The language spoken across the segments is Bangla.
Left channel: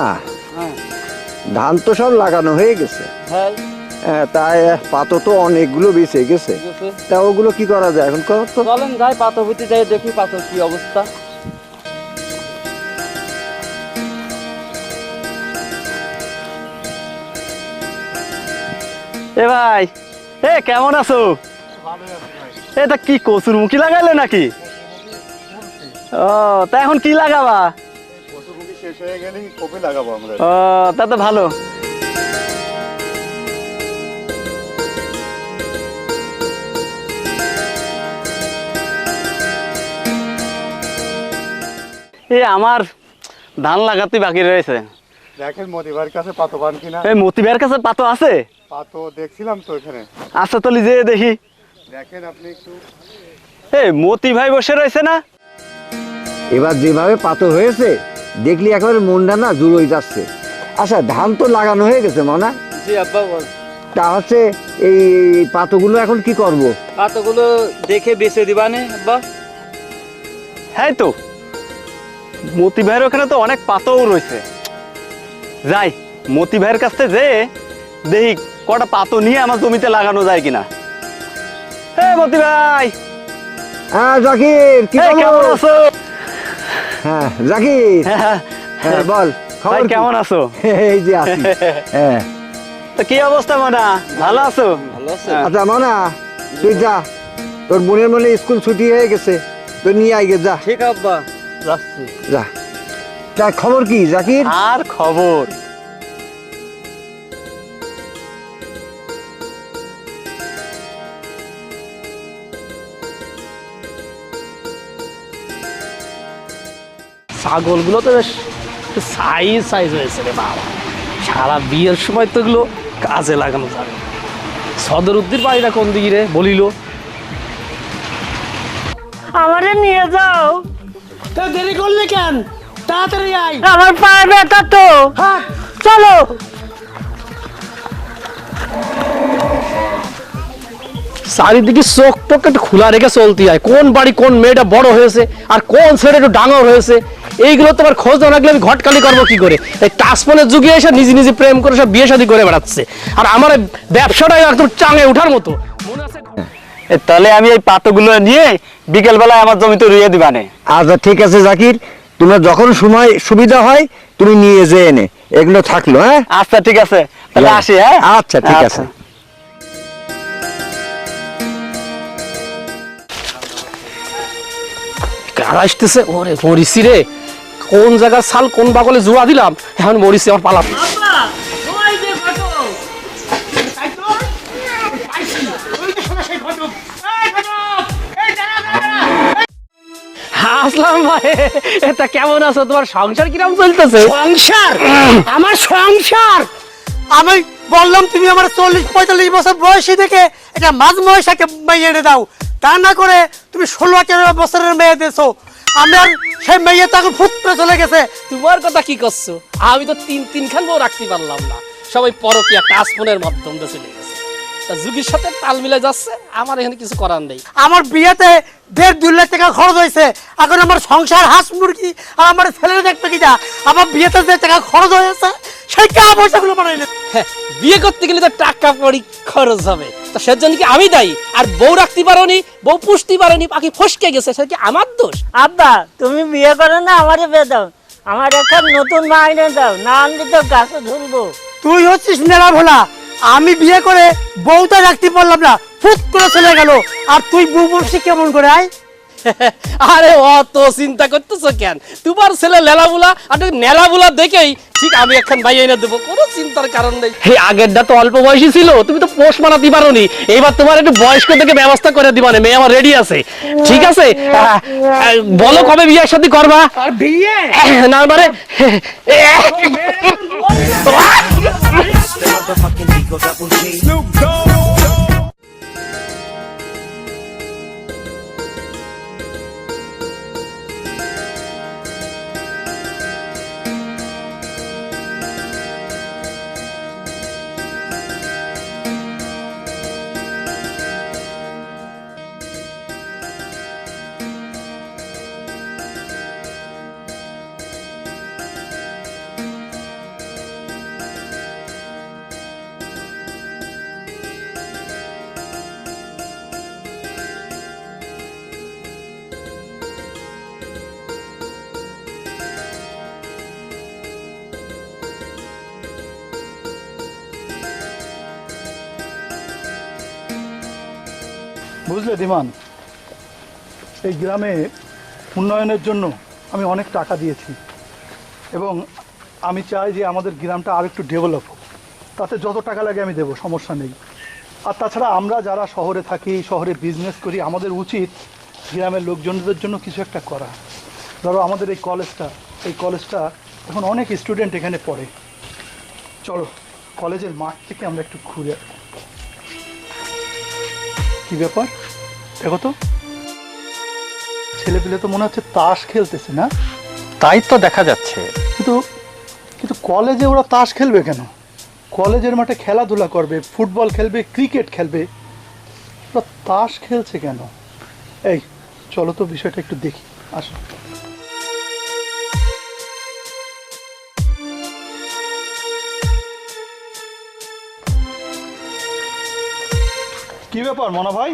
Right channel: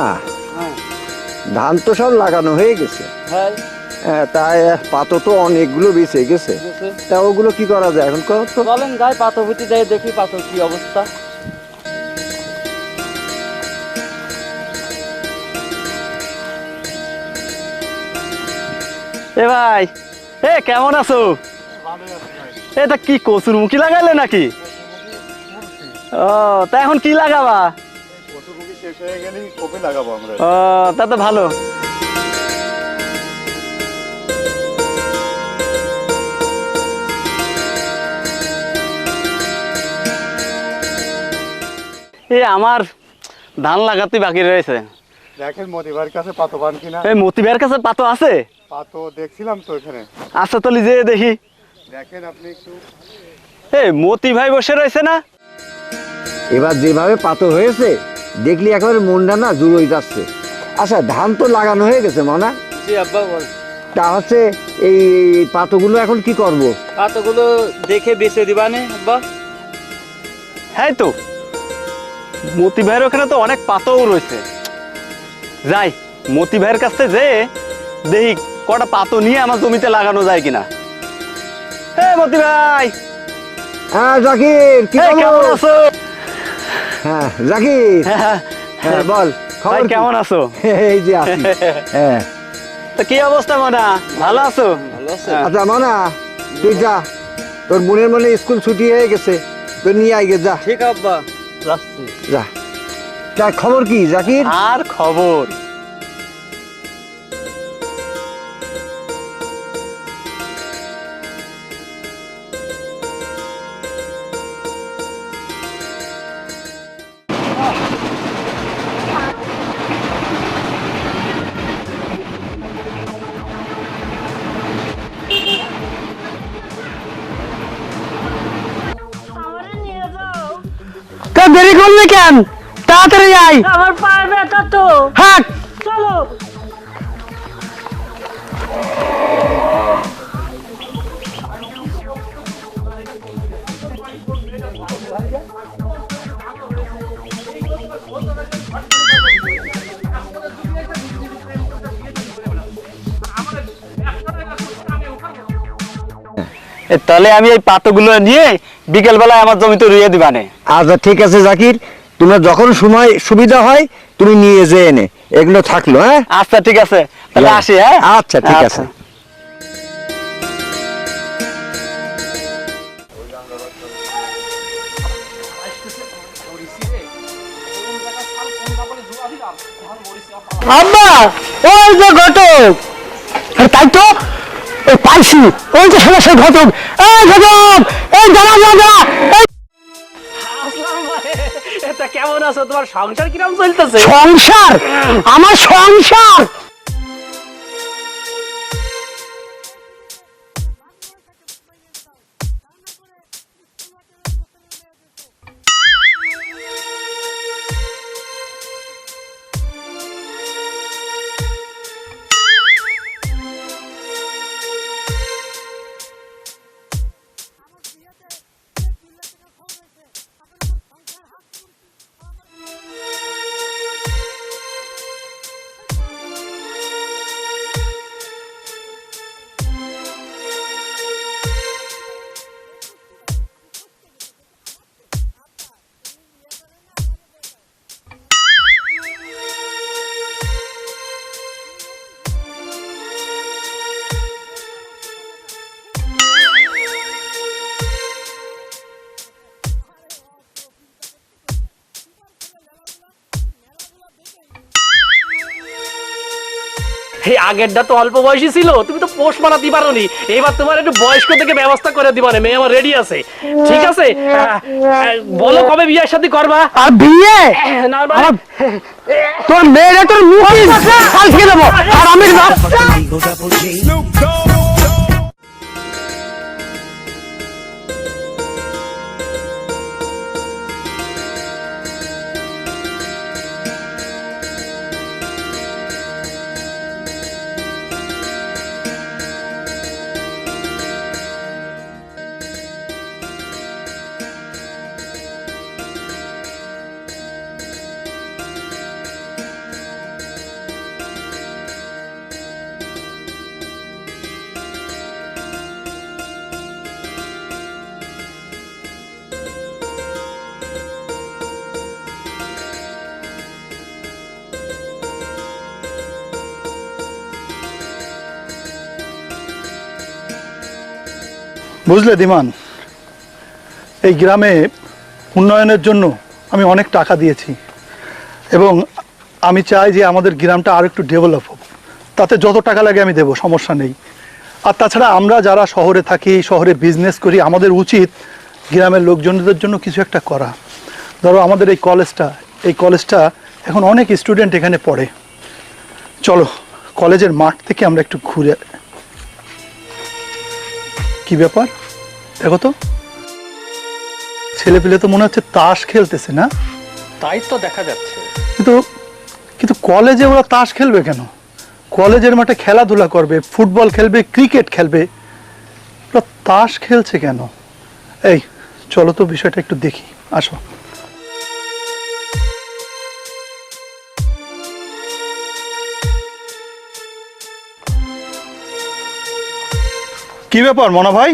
না। হ্যাঁ। ধান তো সব লাগানো হয়ে গেছে। হ্যাঁ। হ্যাঁ, তাই পাতো তো অনেকগুলো বেঁচে গেছে। তা ওগুলো কি করা যায় এখন কত চলেন যাই পাথরপুতি যাই দেখি পাথর কি অবস্থা। এ ভাই এ কেমন আছো? এটা কি কচুর মুখি লাগাইলে নাকি ও তা এখন কি লাগাবা? পশুমুখী শেষ হয়ে গেলেই কপি লাগাবো আমরা। ও তা তো ভালো। এই আমার ধান লাগাতে বাকি রয়েছে। দেখেন মতিবার কাছে পাতো পান কিনা। এই মতিবের কাছে পাতো আছে? পাতো দেখছিলাম তো এখানে। আচ্ছা যে দেখি। দেখেন আপনি একটু। এই মতি ভাই বসে রয়েছে না? এবার যেভাবে পাতো হয়েছে দেখলি একেবারে মনটা না জুড়োই যাচ্ছে। আচ্ছা ধান তো লাগানো হয়ে গেছে মানা। জি আব্বা বল। তা হচ্ছে এই পাতোগুলো এখন কি করব। পাতোগুলো দেখে বেছে দিবানে আব্বা। হ্যাঁ তো। মতি ভাইয়ের ওখানে তো অনেক পাতও রয়েছে। যাই মতি ভাইয়ের কাছ থেকে যে দেখি কটা পাতো নিয়ে আমার জমিতে লাগানো যায় কিনা। হ্যাঁ মতি ভাই। হ্যাঁ জাকির কেমন খবর? আছো? হ্যাঁ জাকির! হ্যাঁ, হ্যাঁ বল খবর কেমন আছো? এই যে আছি। হ্যাঁ। তো কি অবস্থা মানা? ভালো আছো? ভালো আছো। আচ্ছা মানা তুই যা। তোর বোনের মনে স্কুল ছুটি হয়ে গেছে তুই নিয়ে আইগে যা। ঠিক আব্বা। যাচ্ছি। যা। তা খবর কি জাকির? আর খবর? ছাগলগুলো তো বেশ সাইজ সাইজ হয়েছে না সারা বিয়ের সময় তো এগুলো কাজে লাগানো যায় সদর উদ্দিন বাড়িটা কোন দিকে রে বলিল। আমারে নিয়ে যাও। তা দেরি করলে কেন? তাড়াতাড়ি আই আমার পায়ে ব্যথা তো। হ্যাঁ চলো। চারিদিকে চোখ টোক একটু খোলা রেখে চলতে হয় কোন বাড়ি কোন মেয়েটা বড় হয়েছে আর কোন ছেলে একটু ডাঙর হয়েছে? এইগুলো তোমার খোঁজ না রাখলে আমি ঘটকালি করব কি করে? এই টাচফোনের যুগে এসে নিজে নিজে প্রেম করে সব বিয়ে শাদী করে বেড়াচ্ছে। আর আমার ব্যবসাটাই একদম চাঙে ওঠার মতো। তাহলে আমি এই পাতগুলো নিয়ে বিকেল বেলায় আমার জমিতে রুইয়ে দিবানে আচ্ছা ঠিক আছে জাকির। তোমার যখন সময় সুবিধা হয় তুমি নিয়ে যে এনে এগুলো থাকল হ্যাঁ? আচ্ছা ঠিক আছে। তাহলে আসি হ্যাঁ? আচ্ছা ঠিক আছে। কার আসতেছে? ওরে মরিসি রে। কোন জায়গার সাল কোন বাগলে জুয়া দিলাম এখন মরিসি আমার পালা আব্বা ওই যে ঘটক। তাই তো? পাইছি ওই যে সেটা সেই ঘটক? এই ঘটক এই জানা জানা আসলাম ভাই এটা কেমন আছো? তোমার সংসার কীরকম চলতেছে? সংসার? আমার সংসার? আমি বললাম তুমি আমার চল্লিশ পঁয়তাল্লিশ বছর বয়সী থেকে এটা মাঝ মেয়ে এনে দাও। তা না করে তুমি ষোলো আঠেরো বছরের মেয়ে দিয়েছ। আমার সেই মেয়ে তখন ফুট করে চলে গেছে। তোমার কথা কি করছ? আমি তো তিন তিন খান বউ রাখতে পারলাম না। সবাই পরকিয়া টাচফোনের মাধ্যম দিয়ে চলে গেছে। তা যুগের সাথে তাল মিলে যাচ্ছে আমার এখানে কিছু করার নেই। আমার বিয়েতে দেড় দুই লাখ টাকা খরচ হয়েছে। এখন আমার সংসার হাঁস মুরগি আর আমার ছেলের দেখবে কিনা? আমার বিয়েতে যে টাকা খরচ হয়েছে সেই টাকা পয়সাগুলো বানাই হ্যাঁ, বিয়ে করতে গেলে তো টাকা পড়ি খরচ হবে। তো সেজন্য কি আমি দায়ী? আর বউ রাখতে পারোনি বউ পুষতে পারোনি পাখি ফসকে গেছে সেটা কি আমার দোষ? আব্বা তুমি বিয়ে করো না আমারে বিয়ে দাও। আমার এখন নতুন মাইনে দাও না আনলে তো গাছে ধরবো তুই হচ্ছিস নেড়া ভোলা। আমি বিয়ে করে বউটা রাখতে পারলাম না ফুট করে চলে গেল। আর তুই বউ বসে কেমন করে আয়? আরে অত চিন্তা করতেছো কেন? তোমার ছেলে লেলাবুলা আর নেলাবুলা দেখেই ঠিক আমি এখন ভাই এনে দেবো কোনো চিন্তার কারণ নেই। এই আগেরটা তো অল্প বয়সী ছিল তুমি তো পোষ মানাতে পারোনি। এইবার তোমার একটু বয়স্ক থেকে ব্যবস্থা করে দিবা মেয়ে আমার রেডি আছে। ঠিক আছে? বলো কবে বিয়ের সাথে করবা? আর বিয়ে? না মানে তোর মেয়েরা তোর মুখ কালকে দেবো আর আমি বুঝলে দিমান, এই গ্রামে উন্নয়নের জন্য আমি অনেক টাকা দিয়েছি এবং আমি চাই যে আমাদের গ্রামটা আর একটু ডেভেলপ হোক। তাতে যত টাকা লাগে আমি দেবো, সমস্যা নেই। আর তাছাড়া আমরা যারা শহরে থাকি, শহরে বিজনেস করি, আমাদের উচিত গ্রামের লোকজনদের জন্য কিছু একটা করা। ধরো আমাদের এই কলেজটা এই কলেজটা এখন অনেক স্টুডেন্ট এখানে পড়ে। চলো, কলেজের মাঠ থেকে আমরা একটু ঘুরে কি ব্যাপার? দেখো তো ছেলে পেলে তো মনে হচ্ছে তাস খেলতেছে, না? তাই তো দেখা যাচ্ছে। কিন্তু কিন্তু কলেজে ওরা তাস খেলবে কেন? কলেজের মাঠে খেলাধুলা করবে, ফুটবল খেলবে, ক্রিকেট খেলবে। ওরা তাস খেলছে কেন? এই, চলো তো বিষয়টা একটু দেখি। আসো। কি ব্যাপার, মনা ভাই?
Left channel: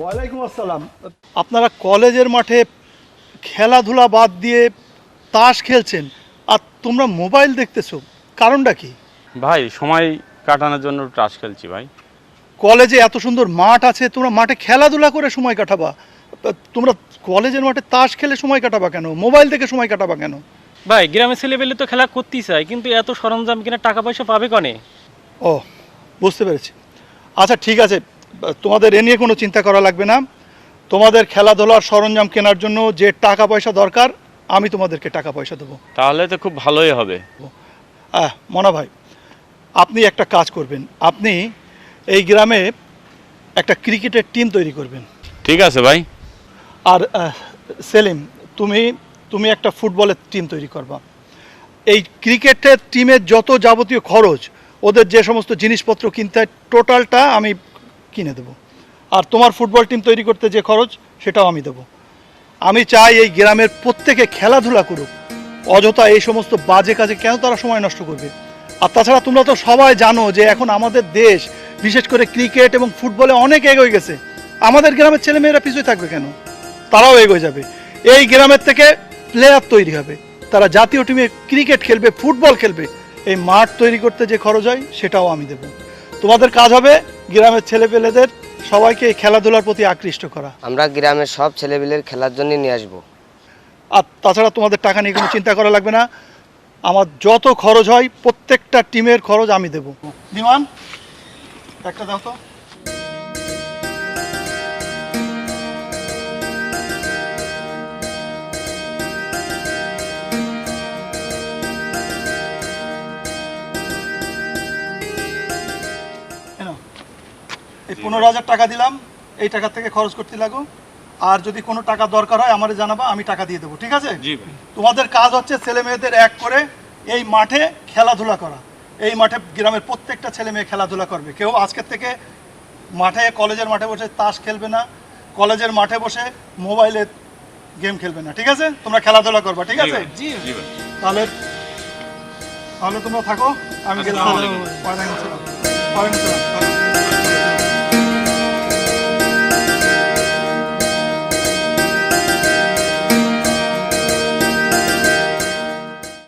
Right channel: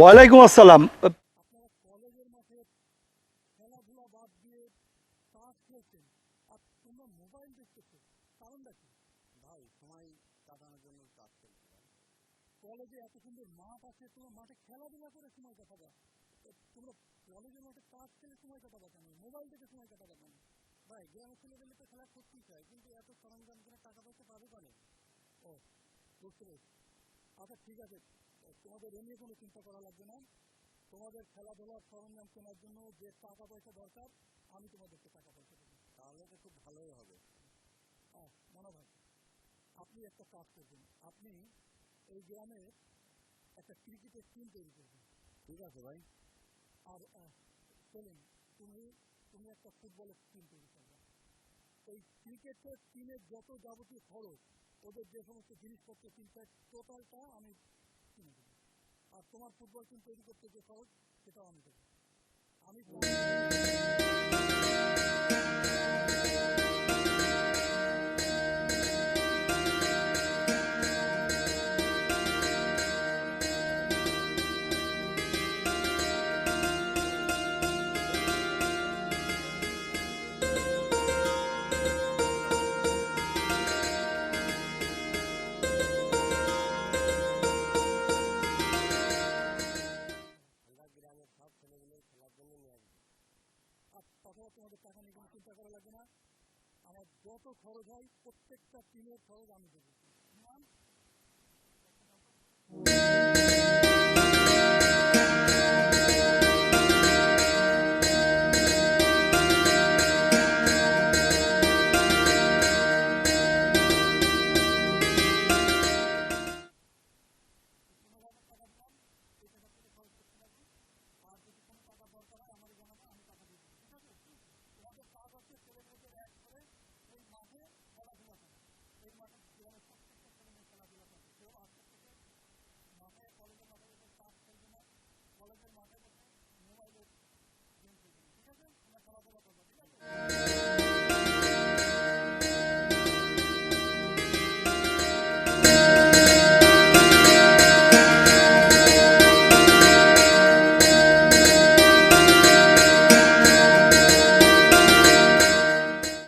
ওয়ালাইকুম আসসালাম। আপনারা কলেজের মাঠে খেলাধুলা বাদ দিয়ে তাস খেলছেন আর তোমরা মোবাইল দেখতেছো কারণটা কি? ভাই সময় কাটানোর জন্য তাস খেলছি ভাই। কলেজে এত সুন্দর মাঠ আছে তোমরা মাঠে খেলাধুলা করে সময় কাটাবা। তোমরা কলেজের মাঠে তাস খেলে সময় কাটাবা কেন? মোবাইল দেখে সময় কাটাবা কেন? ভাই গ্রামের ছেলেপেলে তো খেলা করতেই চায় কিন্তু এত সরঞ্জাম কিনা টাকা পয়সা পাবে কনে? ও বুঝতে পেরেছি। আচ্ছা ঠিক আছে। তোমাদের এ নিয়ে কোনো চিন্তা করা লাগবে না। তোমাদের খেলাধুলার সরঞ্জাম কেনার জন্য যে টাকা পয়সা দরকার আমি তোমাদেরকে টাকা পয়সা দেবো। তাহলে তো খুব ভালোই হবে। আহ মনা ভাই আপনি একটা কাজ করবেন। আপনি এই গ্রামে একটা ক্রিকেটের টিম তৈরি করবেন। ঠিক আছে ভাই। আর সেলিম তুমি তুমি একটা ফুটবলের টিম তৈরি করবা। এই ক্রিকেটের টিমের যত যাবতীয় খরচ ওদের যে সমস্ত জিনিসপত্র কিনতে হয় টোটালটা আমি কিনে দেবো। আর তোমার ফুটবল টিম তৈরি করতে যে খরচ, সেটাও আমি দেবো। আমি চাই এই গ্রামের প্রত্যেকে খেলাধুলা করুক। অযথা এই সমস্ত বাজে কাজে কেন তারা সময় নষ্ট করবে? আর তাছাড়া তোমরা তো সবাই জানো যে এখন আমাদের দেশ, বিশেষ করে ক্রিকেট এবং ফুটবলে অনেক এগিয়ে গেছে। আমাদের গ্রামের ছেলেমেয়েরা পিছুয়ে থাকবে কেন? তারাও এগিয়ে যাবে। এই গ্রামের থেকে প্লেয়ার তৈরি হবে। তারা জাতীয় টিমে ক্রিকেট খেলবে ফুটবল খেলবে। এই মাঠ তৈরি করতে যে খরচ হয় সেটাও আমি দেবো। তোমাদের কাজ হবে গ্রামের ছেলেপেলেদের সবাইকে এই খেলাধুলার প্রতি আকৃষ্ট করা। আমরা গ্রামের সব ছেলেপিলের খেলার জন্য নিয়ে আসব। আর তাছাড়া তোমাদের টাকা নিয়ে কোনো চিন্তা করা লাগবে না। আমার যত খরচ হয় প্রত্যেকটা টিমের খরচ আমি দেবো। বিমান একটা দাও তো। এই পনেরো হাজার টাকা দিলাম এই টাকা থেকে খরচ করতে লাগো। আর যদি কোনো টাকা দরকার হয় আমারে জানাবা আমি টাকা দিয়ে দেবো ঠিক আছে? তোমাদের কাজ হচ্ছে ছেলে মেয়েদের এক করে এই মাঠে খেলাধুলা করা। এই মাঠে গ্রামের প্রত্যেকটা ছেলে মেয়ে খেলাধুলা করবে। কেউ আজকের থেকে মাঠে কলেজের মাঠে বসে তাস খেলবে না কলেজের মাঠে বসে মোবাইলে গেম খেলবে না ঠিক আছে? তোমরা খেলাধুলা করবা ঠিক আছে? তাহলে তাহলে তোমরা থাকো আমি গেলাম।